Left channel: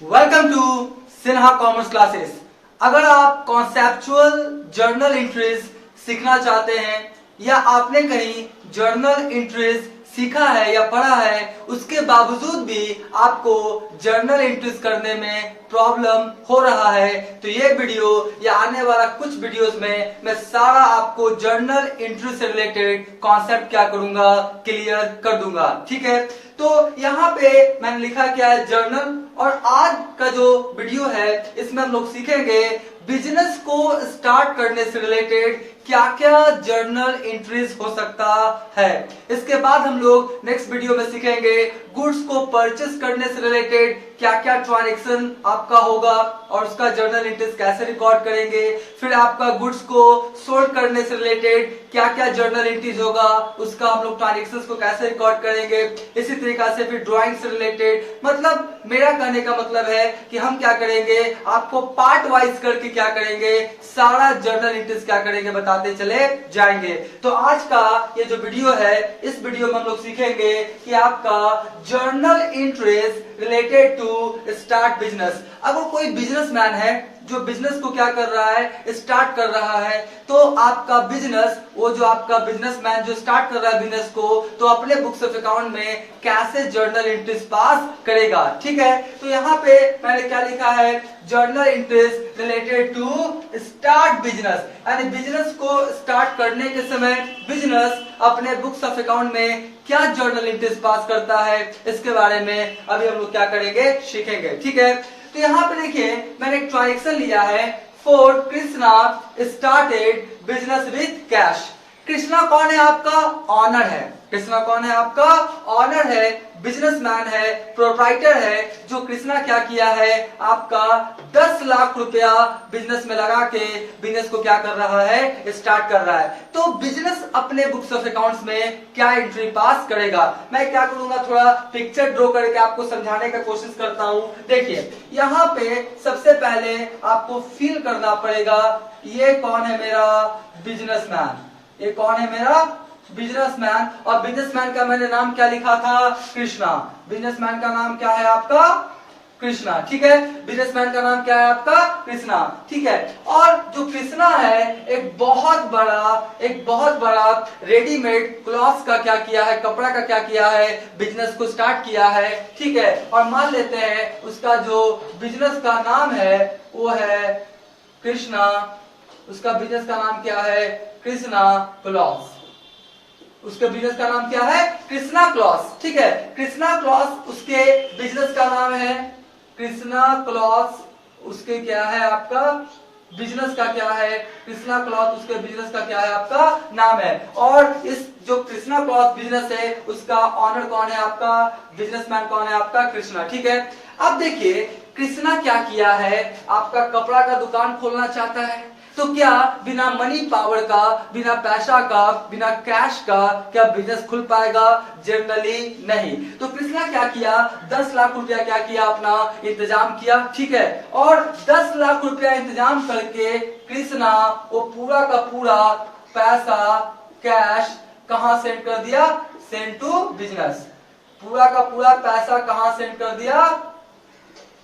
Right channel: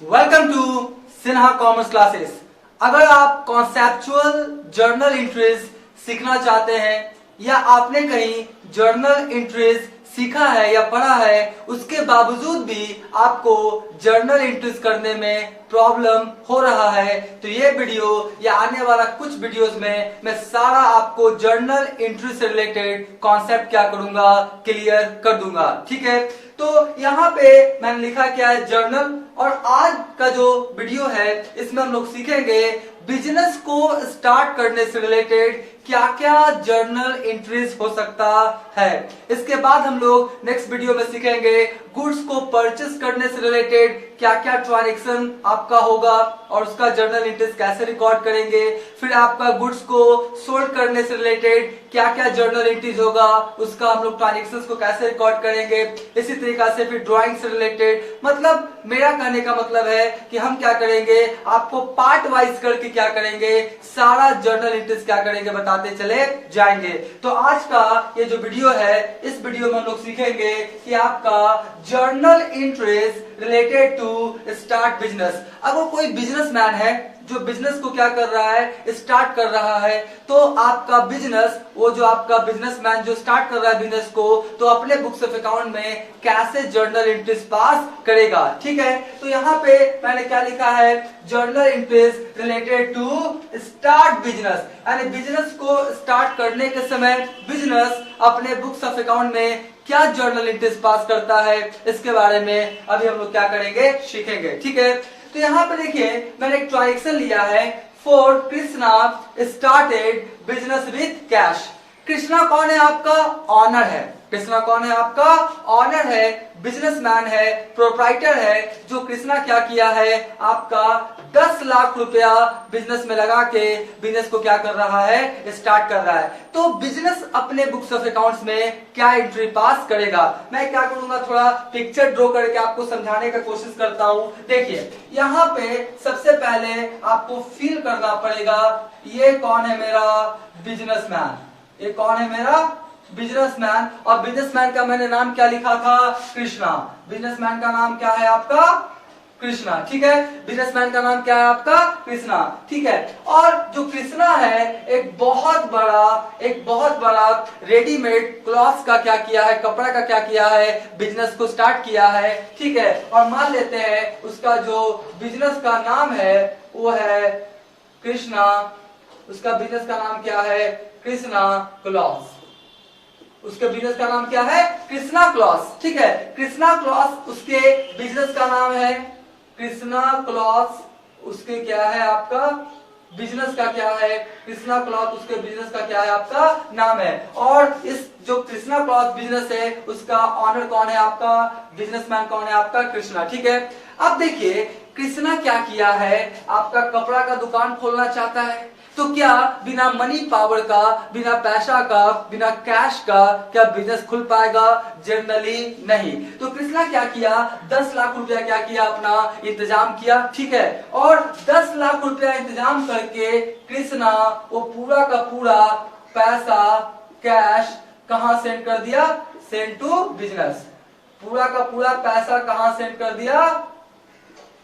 Welcome to Sinha commerce classes. अगर आप conceptual journal entries सीखना चाहते हैं या आपने कहीं जर्नल एंट्रीज सीखा है या पढ़ा है, उसके बावजूद भी आपको जर्नल एंट्रीज करने में प्रॉब्लम हो रहा है, तो ये वीडियो या आने वाला कुछ वीडियोस में मैं सारा आपको जर्नल एंट्री से रिलेटेड कॉन्सेप्ट क्या करूंगा, क्लियर कर दूंगा। ठीक है, तो यहाँ पे मैंने लिखा क्या है, जर्नल। और आज का जो वीडियो है इसमें हम लोग सीखेंगे बिजनेस को स्टार्ट करने से रिलेटेड क्या क्या जर्नल एंट्रीज हो सकता है। इसके बाद हम लोग नेक्स्ट वीडियो में सीखेंगे गुड्स को परचेस करने से रिलेटेड क्या क्या ट्रांजैक्शन आपका होगा और उसका जर्नल एंट्रीज कैसे रिकॉर्ड करेंगे। फिर आपका गुड्स को सोल्ड करने से रिलेटेड क्या क्या जर्नल एंट्रीज होगा, उसका हम लोग ट्रांजैक्शन को कैसे रिकॉर्ड करेंगे। इसी तरीका से फिर ड्राइंग से रिलेटेड, मतलब मेरा कहने का मतलब है कि हम क्या करेंगे, आपको पार्ट वाइज करके क्या करेंगे, सारा जर्नल एंट्रीज क्या करेंगे बताते चले जाएंगे। तो आज का ये जो वीडियो है, इस वीडियो में हम लोग सीखेंगे कि आपका journal entries related to start business. अगर कोई बिजनेसमैन है जो बिजनेस को क्या कर रहा है, स्टार्ट कर रहा है, तो आपका बिजनेस, वो जो आपका बिजनेसमैन जो स्टार्ट कर रहा है बिजनेस को, तो अपने बुक्स ऑफ अकाउंट में कैसे जर्नल एंट्रीज पास करेगा। ठीक है, तो यहाँ पे मैंने क्या लिखा है, journal entries related to start business, यानी बिजनेस को स्टार्ट करने के समय बिजनेस अपने बुक्स ऑफ अकाउंट में क्या जर्नल एंट्रीज पास करता है, इसके बारे में अभी हम लोग क्या करेंगे, सीखेंगे। ठीक है, तो यहाँ पे देखिए मैंने एक ट्रांजैक्शन लिया है, for Krishna started business with cash. Krishna कौन है, आपका ऑनर है। कृष्णा कौन है, आपका ऑनर है, बिजनेसमैन है, प्रोप्राइटर है। जो कृष्णा क्या किया है, आपका 10 लाख रुपया बिजनेस में लगा के बिजनेस को क्या कर रहा है, स्टार्ट कर रहा है। तो बिजनेस अपने बुक्स ऑफ अकाउंट्स में क्या एंट्री पास करेगा। मैं क्या करूंगा, थोड़ा पिक्चर ड्रॉ करके आपको समझाने का कोशिश करता हूं। देखिए यहाँ पे सबसे पहले आपको फील करना पड़ेगा, ये कौन है, मेरा बिजनेसमैन। ये कौन है, मेरा बिजनेसमैन। और बिजनेसमैन का मैंने नाम क्या लिखा था, कृष्णा। बिजनेसमैन का नाम क्या है, आपका कृष्णा। ठीक है, बिजनेसमैन का नाम क्या है, आपका कृष्णा। ठीक है, और जो कृष्णा है एक बहुत बड़ा रेडीमेड क्लॉथ का क्या किया है, कपड़ा का क्या किया है, बिजनेस को स्टार्ट किया है। ठीक है, और मान लेते हैं उसका जो बिजनेस का नाम है वो है कृष्णा। उसका बिजनेस का नाम क्या है, कृष्णा क्लॉथ। उसके बिजनेस का नाम क्या है, कृष्णा क्लॉथ। ठीक है, कृष्णा क्लॉथ उसके बिजनेस का नाम है, कृष्णा क्लॉथ उसके क्या है, आपका बिजनेस का क्या है, कृष्णा क्लॉथ उसके बिजनेस का क्या है, आपका नाम है। और इस जो कृष्णा क्लॉथ बिजनेस है उसका ऑनर कौन है, आपका बिजनेसमैन कौन है, आपका कृष्णा। ठीक है, अब देखिए कृष्णा क्या किया है, आपका कपड़ा का दुकान खोलना चाहता है। तो क्या बिना मनी पावर का, बिना पैसा का, बिना कैश का क्या बिजनेस खुल पाएगा, जनरली नहीं। तो कृष्णा क्या किया, 10 लाख रुपया क्या किया, अपना इंतजाम किया। ठीक है, और 10 लाख रुपया इंतजाम करके कृष्णा वो पूरा का पूरा पैसा कैश कहां सेंड कर दिया, सेंड टू बिजनेस। पूरा का पूरा पैसा कहां सेंड कर दिया,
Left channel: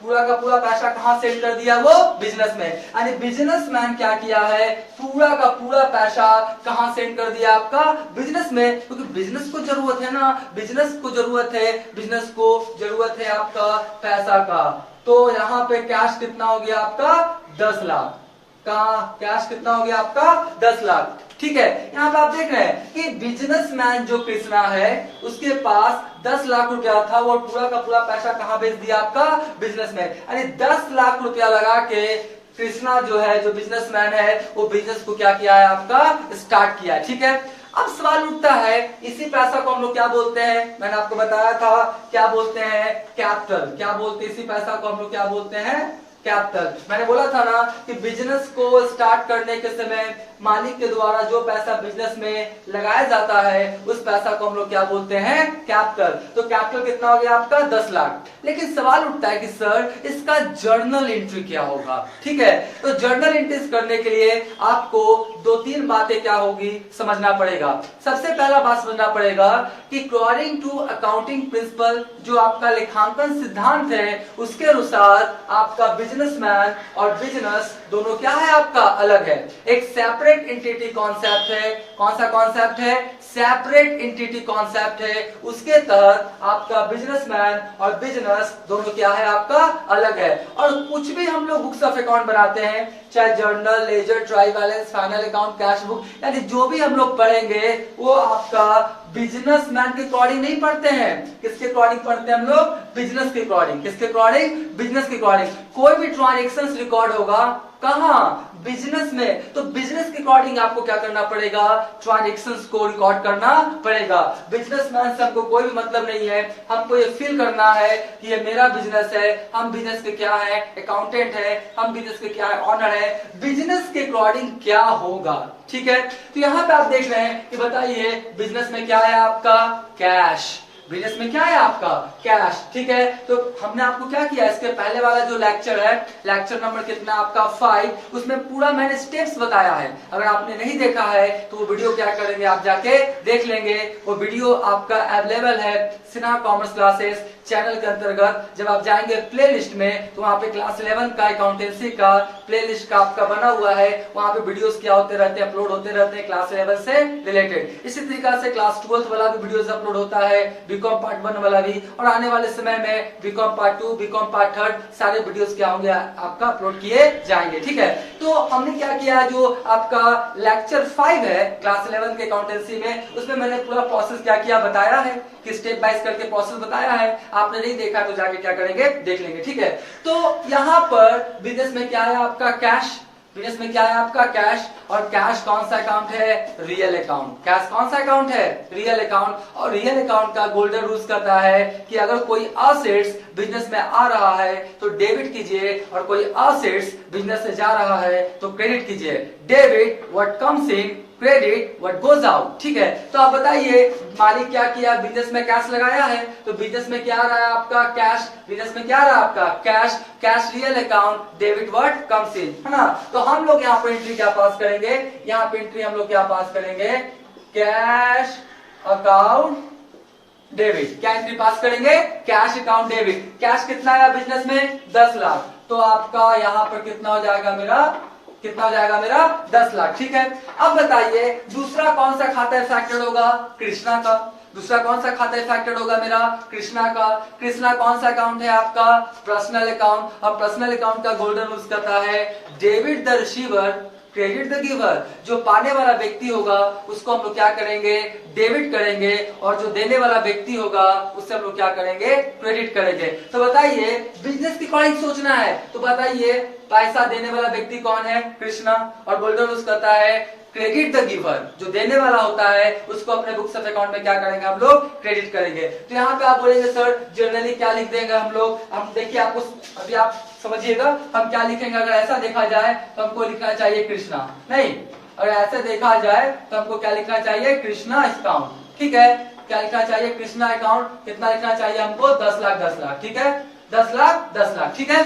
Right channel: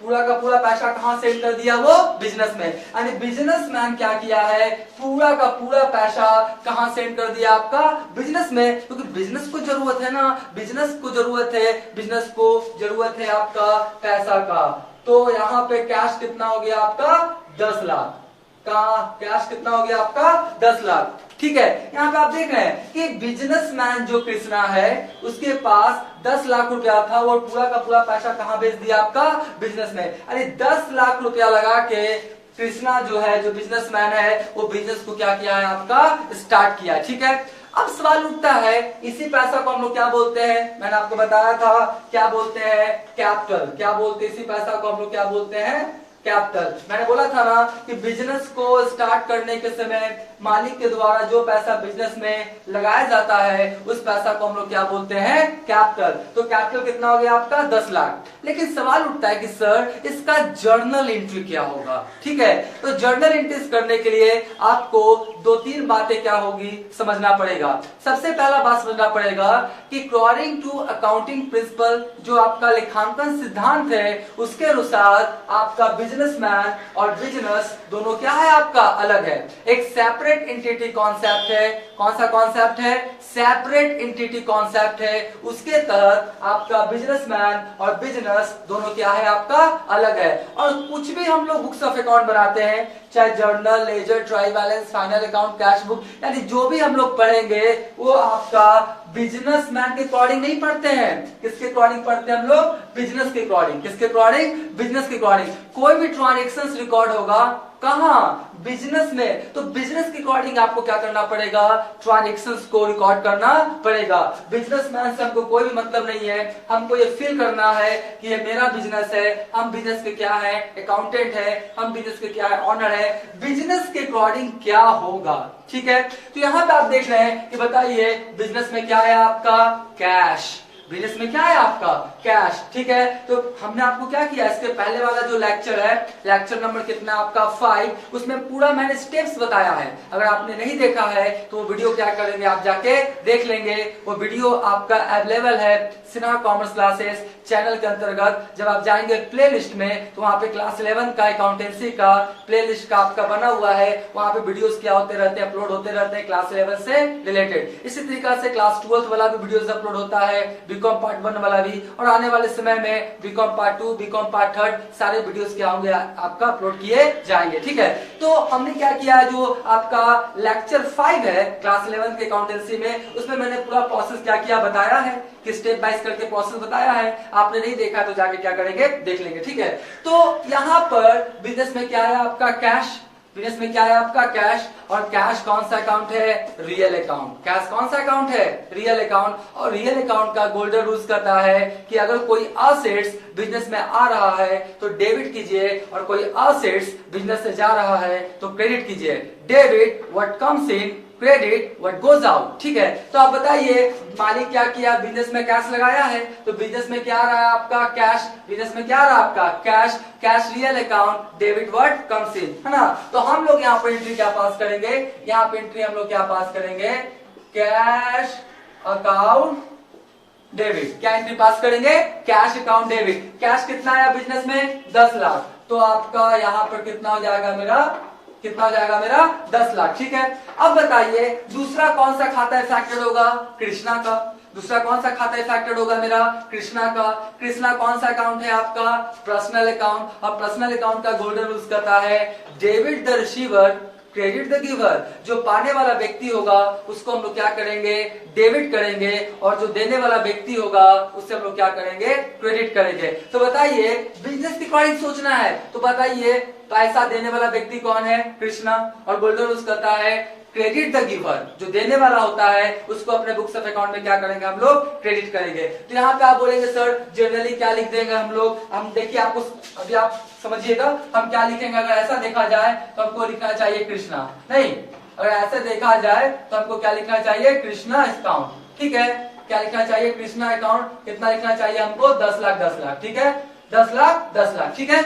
पूरा का पूरा पैसा कहां सेंड कर दिया, वो बिजनेस में। यानी बिजनेसमैन क्या किया है, पूरा का पूरा पैसा कहां सेंड कर दिया, आपका बिजनेस में। क्योंकि बिजनेस को जरूरत है ना, बिजनेस को जरूरत है, बिजनेस को जरूरत है आपका पैसा का। तो यहाँ पे कैश कितना हो गया, आपका 10 लाख का कैश कितना हो गया, आपका 10 लाख। ठीक है, यहाँ पे आप देख रहे हैं कि बिजनेसमैन जो कृष्णा है उसके पास 10 लाख रुपया था, वो पूरा का पूरा पैसा कहां भेज दिया, आपका बिजनेस में। यानी 10 लाख रुपया लगा के कृष्णा जो है, जो बिजनेसमैन है, वो बिजनेस को क्या किया है, आपका स्टार्ट किया। ठीक है, अब सवाल उठता है, इसी पैसा को हम लोग क्या बोलते हैं, मैंने आपको बताया था क्या बोलते हैं, कैपिटल। क्या बोलते हैं, इसी पैसा को हम लोग क्या बोलते हैं, कैपिटल। मैंने बोला था ना कि बिजनेस को स्टार्ट करने के समय मालिक के द्वारा जो पैसा बिजनेस में लगाया जाता है उस पैसा को हम लोग क्या बोलते हैं, कैपिटल। तो कैपिटल कितना हो गया आपका 10 लाख। लेकिन सवाल उठता है कि सर इसका जर्नल एंट्री क्या होगा। ठीक है, तो जर्नल एंट्रीज करने के लिए आपको 2-3 बातें क्या होगी समझना पड़ेगा। सबसे पहला बात समझना पड़ेगा कि अकॉर्डिंग टू अकाउंटिंग प्रिंसिपल, जो आपका लेखांकन सिद्धांत है, उसके अनुसार आपका बिजनेसमैन और बिजनेस दोनों क्या है, आपका अलग है। एक सेपरेट एंटिटी कॉन्सेप्ट है। कौन सा कॉन्सेप्ट है, सेपरेट एंटिटी कॉन्सेप्ट है। उसके तहत आपका बिजनेसमैन और बिजनेस दोनों क्या है, आपका अलग है। और कुछ भी हम लोग बुक्स ऑफ अकाउंट बनाते हैं, चाहे journal, ledger, trial balance, final account, cash book, यानी जो भी हम लोग पढ़ेंगे वो आपका बिजनेसमैन के अकॉर्डिंग नहीं पढ़ते हैं। किसके अकॉर्डिंग पढ़ते हैं हम लोग, बिजनेस के अकॉर्डिंग। किसके अकॉर्डिंग, बिजनेस के अकॉर्डिंग। कोई भी ट्रांजेक्शन रिकॉर्ड होगा कहां, बिजनेस में, तो बिजनेस के अकॉर्डिंग आपको क्या करना पड़ेगा, ट्रांजेक्शंस को रिकॉर्ड करना पड़ेगा। बिजनेसमैन से हमको कोई भी मतलब नहीं है, हमको ये फील करना है कि ये मेरा बिजनेस है, हम बिजनेस के क्या है, अकाउंटेंट है, हम बिजनेस के क्या है, ऑनर है। बिजनेस के अकॉर्डिंग क्या होगा, ठीक है। तो यहां पे आप देख रहे हैं कि बताइए बिजनेस में क्या है आपका, कैश। बिजनेस में क्या है आपका, कैश। ठीक है, तो हमने आपको क्या किया, इसके पहले वाला जो लेक्चर है, लेक्चर नंबर कितना आपका 5, उसमें पूरा मैंने स्टेप्स बताया है। अगर आपने नहीं देखा है तो वो वीडियो क्या करेंगे, आप जाके देख लेंगे। वो वीडियो आपका अवेलेबल है सिन्हा कॉमर्स क्लासेस चैनल के अंतर्गत। जब आप जाएंगे प्ले लिस्ट में तो वहां पे क्लास 11 का अकाउंटेंसी का प्ले लिस्ट का आपका बना हुआ है। वहां पे वीडियोस क्या होते रहते हैं, अपलोड होते रहते हैं क्लास 11 से रिलेटेड। इसी तरीके से क्लास 12 वाला भी वीडियोस अपलोड होता है, बीकॉम पार्ट 1 वाला भी, और आने वाले समय में बीकॉम पार्ट 2, बीकॉम पार्ट 3 सारे वीडियोस क्या होंगे आपका अपलोड किए जाएंगे। ठीक है, तो हमने क्या किया, जो आपका लेक्चर 5 है क्लास 11 के अकाउंटेंसी में, उसमें मैंने पूरा प्रोसेस क्या किया बताया है, कि स्टेप बाय करके प्रोसेस बताया है। आपने नहीं देखा तो जाके क्या करेंगे, देख लेंगे। ठीक है, तो यहां पर बिजनेस में क्या है आपका, कैश। बिजनेस में क्या है आपका, कैश। और कैश कौन सा अकाउंट है, रियल अकाउंट। कैश कौन सा अकाउंट है, रियल अकाउंट। और रियल अकाउंट का गोल्डन रूल्स कहता है कि अगर कोई असेट्स बिजनेस में आ रहा है तो डेबिट कीजिए, और कोई असेट्स बिजनेस से जा रहा है तो क्रेडिट कीजिए। Debit what comes in, credit what goes out. ठीक है, तो आप बताइए मालिक क्या किया, बिजनेस में कैश लगाया है, तो बिजनेस में क्या आ रहा है आपका, कैश। बिजनेस में क्या आ रहा है आपका, cash. Cash real account, debit what comes in, है ना। तो हम लोग यहाँ पर एंट्री क्या पास करेंगे, यहाँ पे एंट्री हम लोग क्या पास करेंगे, कैश अकाउंट डेबिट। क्या एंट्री पास करेंगे, कैश अकाउंट डेबिट। कैश कितना है बिजनेस में, 10 लाख। तो आपका यहाँ पर कितना हो जाएगा मेरा, कितना हो जाएगा मेरा, 10 लाख। ठीक है, अब बताइए दूसरा कौन सा खाता इफेक्टेड होगा, कृष्णा का। दूसरा कौन सा खाता इफेक्टेड होगा मेरा, कृष्णा का। कृष्णा कौन सा अकाउंट है आपका, पर्सनल अकाउंट। और पर्सनल अकाउंट का गोल्डन रूल्स कहता है debit the receiver, credit the giver. जो पाने वाला व्यक्ति होगा उसको हम लोग क्या करेंगे, डेबिट करेंगे, और जो देने वाला व्यक्ति होगा उससे हम लोग क्या करेंगे, क्रेडिट करेंगे। तो बताइए बिजनेस के अकॉर्डिंग सोचना है, तो बताइए पैसा देने वाला व्यक्ति कौन है, कृष्णा। और गोल्डन रूल्स कहता है क्रेडिट द गिवर, जो देने वाला होता है उसको अपने बुक्स ऑफ अकाउंट में क्या करेंगे, हम लोग क्रेडिट करेंगे। तो यहाँ पे आप बोलेंगे सर जनरली क्या लिख देंगे हम लोग, हम देखिए आपको अभी आप समझिएगा हम क्या लिखेंगे। अगर ऐसा देखा जाए तो हमको लिखना चाहिए कृष्णा, नहीं, अगर ऐसे देखा जाए तो हमको क्या लिखना चाहिए, कृष्णा अकाउंट। ठीक है, क्या लिखना चाहिए, कृष्णा अकाउंट। कितना लिखना चाहिए हमको, 10 लाख 10 लाख। ठीक है, 10 लाख 10 लाख। ठीक है,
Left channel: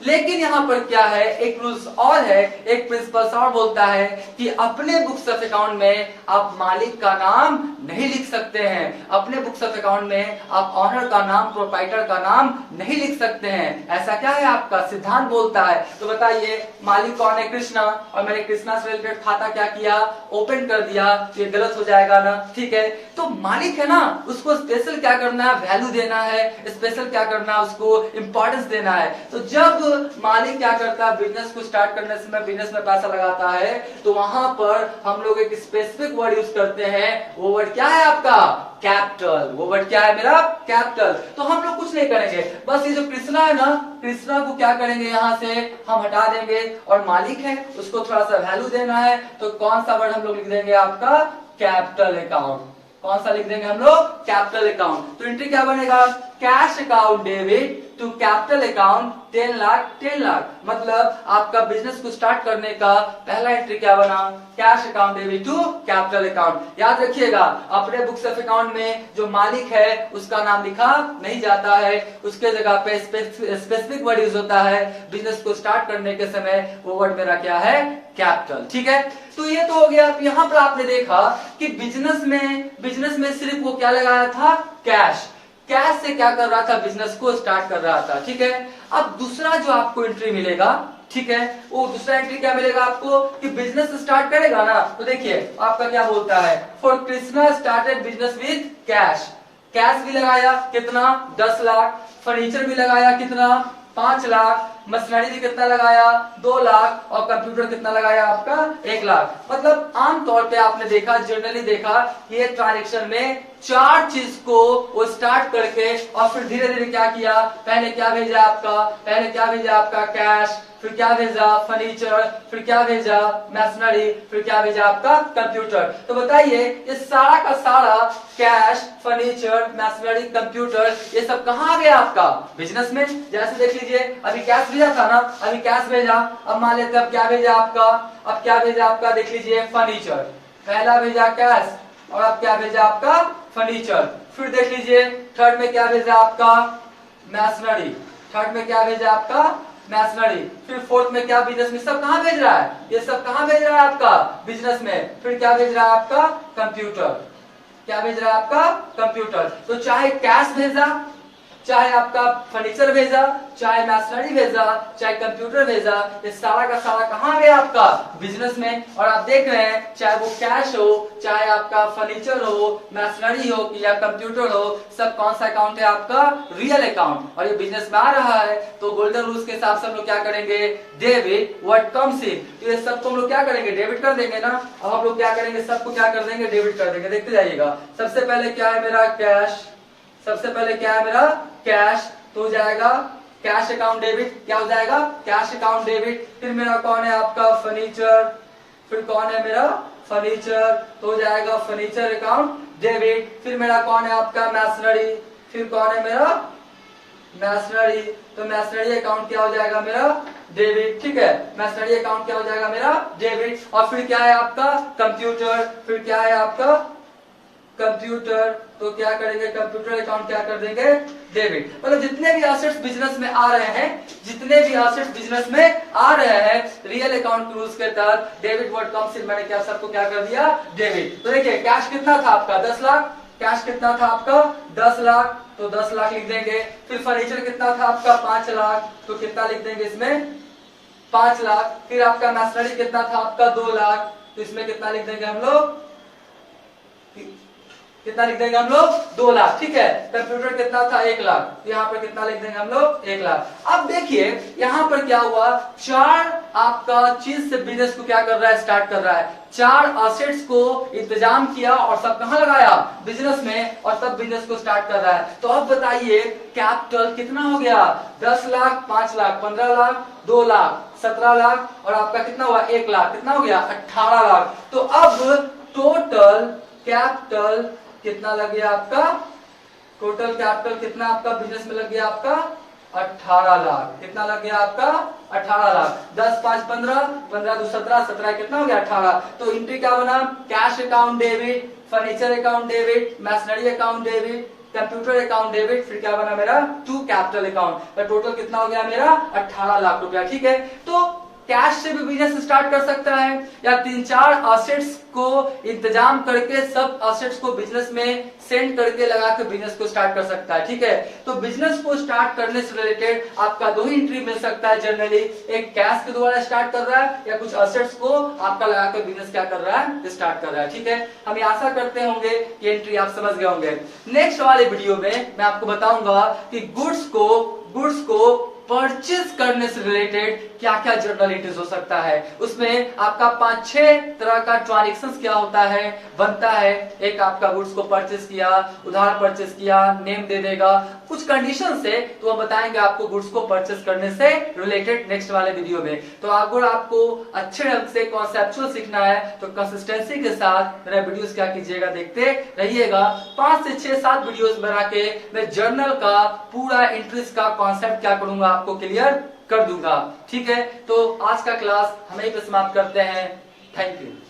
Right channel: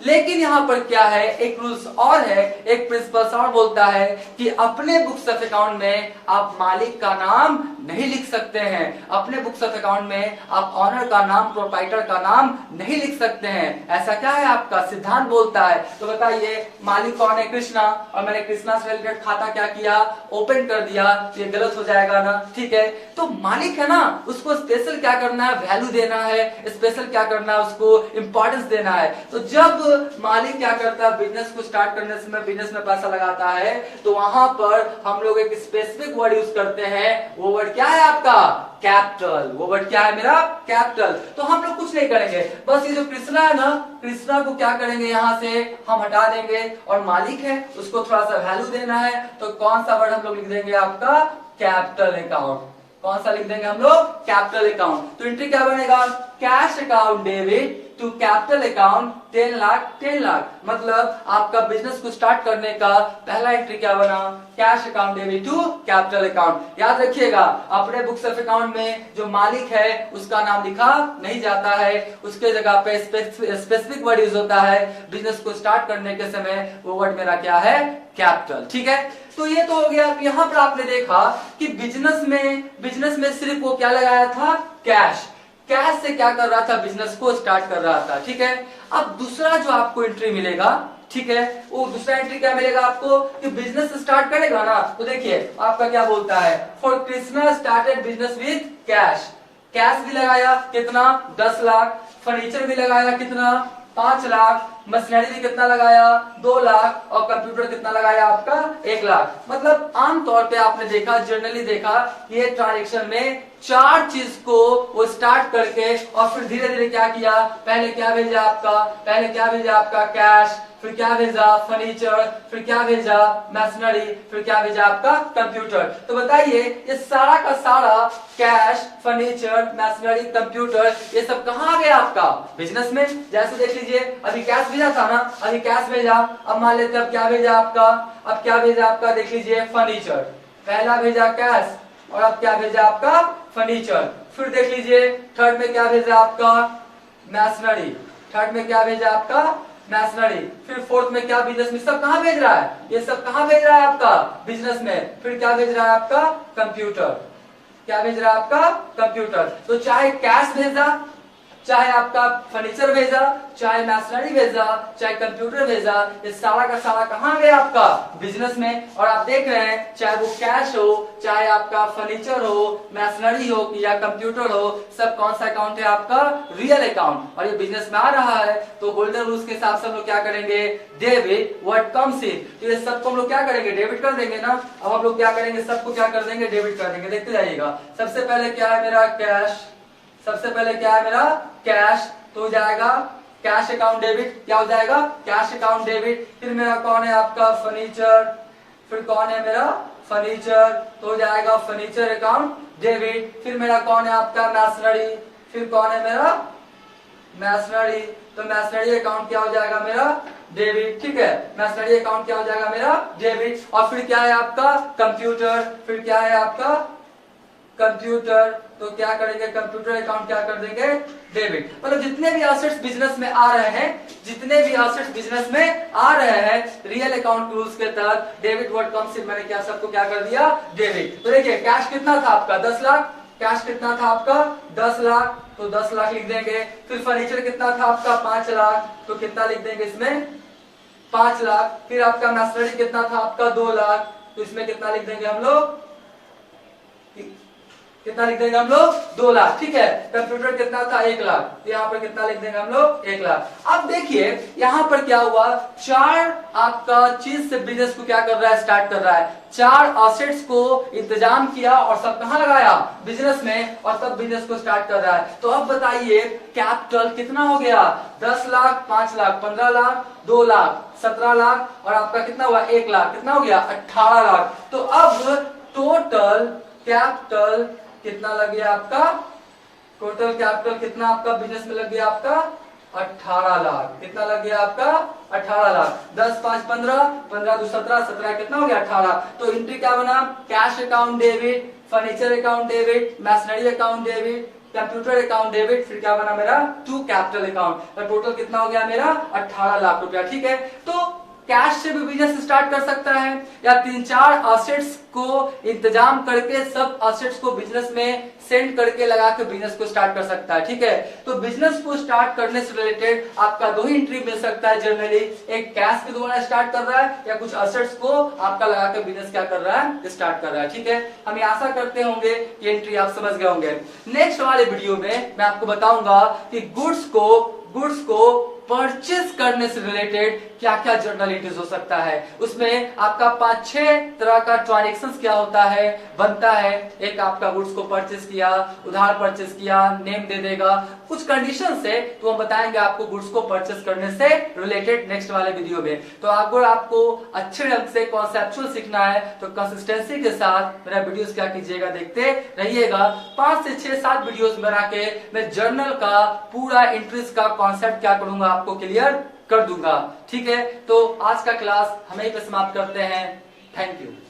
लेकिन यहां पर क्या है, एक रूल्स और है, एक प्रिंसिपल और बोलता है कि अपने बुक्स ऑफ अकाउंट में आप मालिक का नाम नहीं लिख सकते हैं। अपने बुक्स ऑफ अकाउंट में आप ऑनर का नाम, प्रोप्राइटर का नाम नहीं लिख सकते हैं। ऐसा क्या है आपका सिद्धांत बोलता है। तो बताइए मालिक कौन है, कृष्णा, और मैंने कृष्णा से रिलेटेड खाता क्या किया, ओपन कर दिया, तो ये गलत हो जाएगा ना। ठीक है, तो मालिक है ना, उसको स्पेशल क्या करना है, वैल्यू देना है, स्पेशल क्या करना है, उसको इंपॉर्टेंस देना है। तो जब मालिक क्या करता है, बिजनेस को स्टार्ट करने से में बिजनेस में पैसा लगाता है, तो वहां पर हम लोग एक स्पेसिफिक वर्ड यूज करते हैं। वो वर्ड क्या है आपका, कैपिटल। वो वर्ड क्या है मेरा, कैपिटल। तो हम लोग कुछ नहीं करेंगे, बस ये जो कृष्णा है ना, कृष्णा को क्या करेंगे, यहां से हम हटा देंगे, और मालिक है उसको थोड़ा सा वैल्यू देना है। तो कौन सा वर्ड हम लोग लिख देंगे, आपका कैपिटल अकाउंट। कौन सा लिख देंगे हम लोग, कैपिटल अकाउंट। तो एंट्री क्या बनेगा, cash account debit to capital account 10 lakh 10 lakh. मतलब आपका बिजनेस को स्टार्ट करने का पहला एंट्री क्या बना, cash account debit to capital account. याद रखिएगा अपने बुक्स ऑफ अकाउंट में जो मालिक है उसका नाम लिखा नहीं जाता है, उसके जगह पे स्पेसिफिक वर्ड यूज होता है। बिजनेस को स्टार्ट करने के समय वो वर्ड मेरा क्या है, कैपिटल। ठीक है, तो ये तो हो गया। यहाँ पर आपने देखा कि बिजनेस में सिर्फ वो क्या लगाया था, कैश। कैश से क्या कर रहा था, बिजनेस को स्टार्ट कर रहा था। ठीक है, अब दूसरा जो आपको एंट्री मिलेगा, ठीक है, वो दूसरा एंट्री क्या मिलेगा आपको कि बिजनेस स्टार्ट करेगा ना, तो देखिए आपका क्या बोलता है, for Krishna started business with cash. Cash भी लगाया कितना, 10 लाख। फर्नीचर भी लगाया कितना, 5 लाख। मशीनरी भी कितना लगाया, 2 लाख। और कंप्यूटर कितना लगाया आपका, 1 लाख। मतलब आमतौर पे आपने देखा, जनरली देखा, ये ट्रांजेक्शन में 4 चीज को वो स्टार्ट करके और फिर धीरे धीरे क्या किया, पहले क्या भेजा आपका कैश, फिर क्या भेजा फर्नीचर, फिर क्या भेजा मशीनरी, फिर क्या भेजा आपका कंप्यूटर। तो बताइए ये सारा का सारा कैश, फर्नीचर, मशीनरी, कंप्यूटर, ये सब कहाँ आ गया आपका, बिजनेस में। जैसे देख लीजिए अभी कैश भेजा था ना, अभी कैश भेजा, अब मान लेते अब क्या भेजा आपका, देख लीजिए फर्नीचर। पहला भेजा कैश और अब क्या भेजा आपका फर्नीचर। फिर देख लीजिए थर्ड में क्या भेजा आपका मशीनरी, थर्ड में क्या भेजा आपका मशीनरी। फिर फोर्थ में क्या, बिजनेस में। सब कहाँ भेज रहा है, ये सब कहाँ भेज रहा है आपका बिजनेस में। फिर क्या भेज रहा है आपका कंप्यूटर, क्या भेज रहा है आपका कंप्यूटर। तो चाहे कैश भेजा, चाहे आपका फर्नीचर भेजा, चाहे मशीनरी भेजा, चाहे कंप्यूटर भेजा, ये सारा का सारा कहाँ गया आपका बिजनेस में। और आप देख रहे हैं चाहे वो कैश हो, चाहे आपका फर्नीचर हो, मशीनरी हो या कंप्यूटर हो, सब कौन सा अकाउंट है आपका, रियल अकाउंट। और ये बिजनेस में आ रहा है तो गोल्डन रूल्स के हिसाब से हम लोग क्या करेंगे, डेबिट व्हाट कम्स इन। तो ये सबको हम लोग क्या करेंगे, डेबिट कर देंगे ना। अब हम लोग क्या करेंगे, सबको क्या कर देंगे, डेबिट कर देंगे। देखते जाइएगा, सबसे पहले क्या है मेरा कैश, सबसे पहले क्या है मेरा कैश, तो हो जाएगा कैश अकाउंट डेबिट। क्या हो जाएगा, कैश अकाउंट डेबिट। फिर मेरा कौन है आपका फर्नीचर, फिर कौन है मेरा फर्नीचर, तो हो जाएगा फर्नीचर अकाउंट डेबिट। फिर मेरा कौन है आपका मशीनरी, फिर कौन है मेरा मशीनरी, तो मशीनरी अकाउंट क्या हो जाएगा मेरा डेबिट। ठीक है, मशीनरी अकाउंट क्या हो जाएगा मेरा डेबिट। और फिर क्या है आपका कंप्यूटर, फिर क्या है आपका कंप्यूटर, तो क्या करेंगे, कंप्यूटर अकाउंट क्या कर देंगे डेबिट। मतलब जितने भी एसेट्स बिजनेस में आ रहे हैं, जितने भी एसेट्स बिजनेस में आ रहे हैं रियल अकाउंट रूल्स के तहत डेबिट वर्ड कम्स इन, मैंने क्या सबको क्या कर दिया डेबिट। तो देखिए कैश कितना था आपका 10 लाख, कैश कितना था आपका 10 लाख, तो 10 लाख लिख देंगे। फिर फर्नीचर कितना था आपका 5 लाख, तो कितना लिख देंगे इसमें 5 लाख। फिर आपका मशीनरी कितना था आपका 2 लाख, तो इसमें कितना लिख देंगे हम लोग, कितना लिख देंगे हम लोग 2 लाख। ठीक है, कंप्यूटर कितना था 1 लाख, तो यहाँ पर कितना लिख देंगे हम लोग 1 लाख। अब देखिए यहाँ पर क्या हुआ, 4 आपका चीज से बिजनेस को क्या कर रहा है, स्टार्ट कर रहा है। 4 एसेट्स को इंतजाम किया और सब कहाँ लगाया, बिजनेस में, और सब बिजनेस को स्टार्ट कर रहा है। तो अब बताइए कैपिटल कितना हो गया, 10 लाख, 5 लाख, 15 लाख, 2 लाख, 17 लाख, और आपका कितना हुआ 1 लाख, कितना हो गया 18 लाख। तो अब टोटल कैपिटल कितना लग गया आपका, टोटल कैपिटल कितना आपका बिजनेस में लग गया आपका 18 लाख। कितना लग गया आपका 18 लाख। 10 5 15, 15 2 17, 17 कितना हो गया 18। तो एंट्री क्या बना, cash account debit, furniture account debit, machinery account debit, computer account debit, फिर क्या बना मेरा टू कैपिटल अकाउंट। तो टोटल कितना हो गया मेरा 18 लाख रुपया। ठीक है, तो कैश से भी बिजनेस स्टार्ट कर सकता है, या 3-4 एसेट्स को इंतजाम करके सब एसेट्स को बिजनेस में सेंड करके लगा के बिजनेस को स्टार्ट कर सकता है। ठीक है, तो बिजनेस को स्टार्ट करने से रिलेटेड आपका 2 ही एंट्री मिल सकता है जनरली, एक कैश के द्वारा स्टार्ट कर रहा है या कुछ एसेट्स को आपका लगा के बिजनेस क्या कर रहा है, स्टार्ट कर रहा है। ठीक है, हम आशा करते होंगे ये एंट्री आप समझ गए होंगे। नेक्स्ट वाले वीडियो में मैं आपको बताऊंगा कि गुड्स को परचेज करने से रिलेटेड क्या क्या जर्नल एंट्रीज हो सकता है। उसमें आपका 5-6 तरह का ट्रांजेक्शन क्या होता है, बनता है। एक आपका गुड्स को परचेज किया, उधार परचेज किया, नेम दे देगा, कुछ कंडीशन से, तो हम बताएंगे आपको गुड्स को परचेज करने से रिलेटेड नेक्स्ट वाले वीडियो में। तो अगर आपको अच्छे ढंग से कॉन्सेप्चुअल सीखना है तो कंसिस्टेंसी के साथ मेरा वीडियोस क्या कीजिएगा, देखते रहिएगा। 5 से 6-7 वीडियोस बना के मैं जर्नल का पूरा एंट्रीज का कॉन्सेप्ट क्या करूंगा आपको क्लियर कर दूंगा। ठीक है, तो आज का क्लास हम यहीं पे समाप्त करते हैं। Thank you.